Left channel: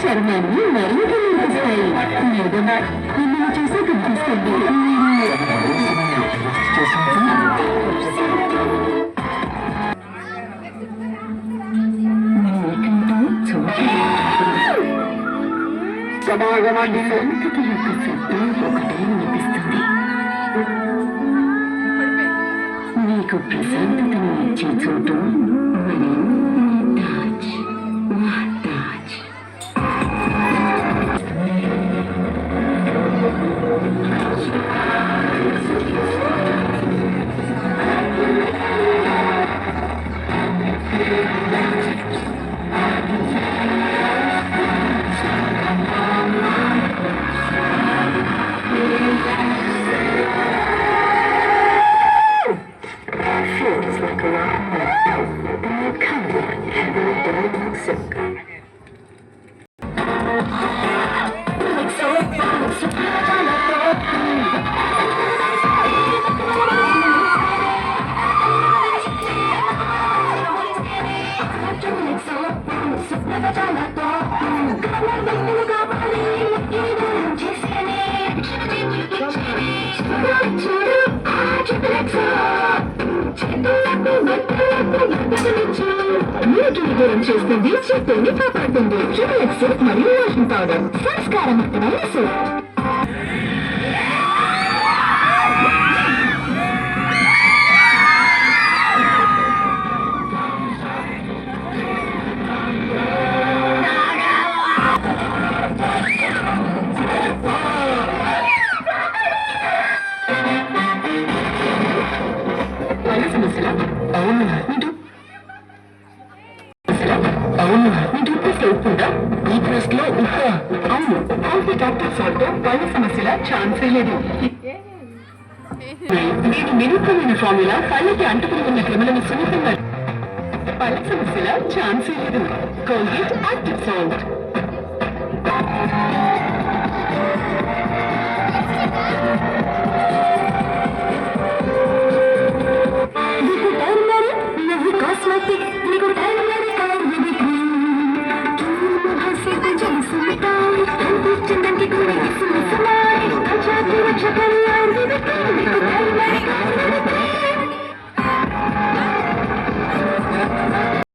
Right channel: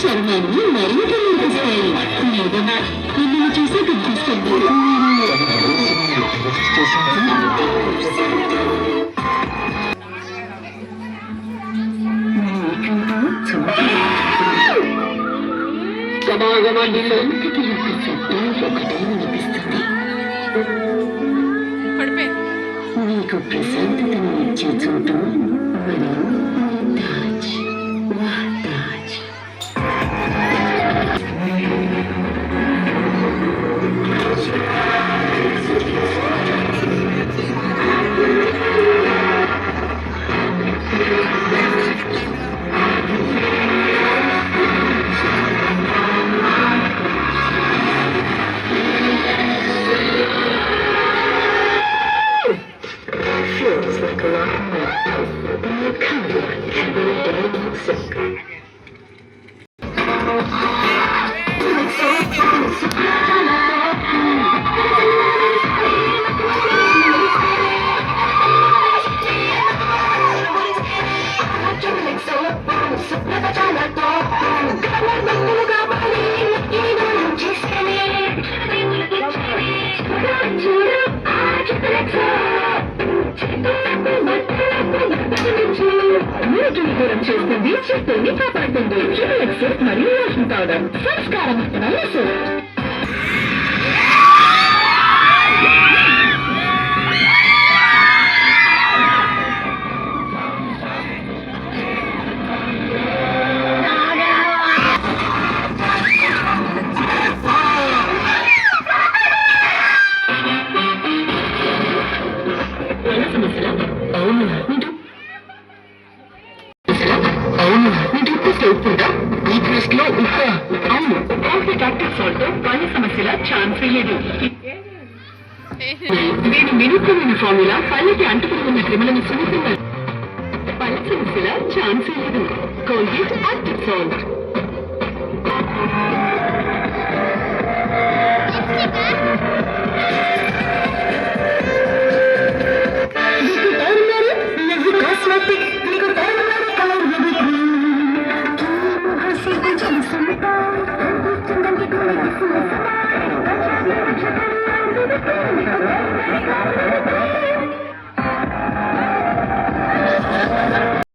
చర్మాన్ని మరింత నిలిపిస్తాయి. నిజమా మిమ్మల్ని చూసే కనిపిస్తుంది. సంతకి యొక్క శబ్దం ఒకటే వినిపిస్తుంది. నీకు ప్రశాంతతను ఇచ్చే చోటు మరియు Taj Taj. Feels like a lot more. That kind of having a dirty silk. నీటిని దూరం చేస్తుంది, చిత్తని కాపాడుతుంది. సోప్ మరియు వాషింగ్ పౌడర్ సంస్కారవంతమైన సోప్. అవును ఈ ప్లేస్ లో అవును డాక్టర్ సాల్ట్ పళ్ళ సమస్యల ఛాన్సే లేదు. దీని వినూత్నమైన ఫార్ములా పళ్ళకి అంటుకున్న క్రిములను సున్నితంగా పళ్ళ సమస్యల ఛాన్సే లేదు. Colgate active salt.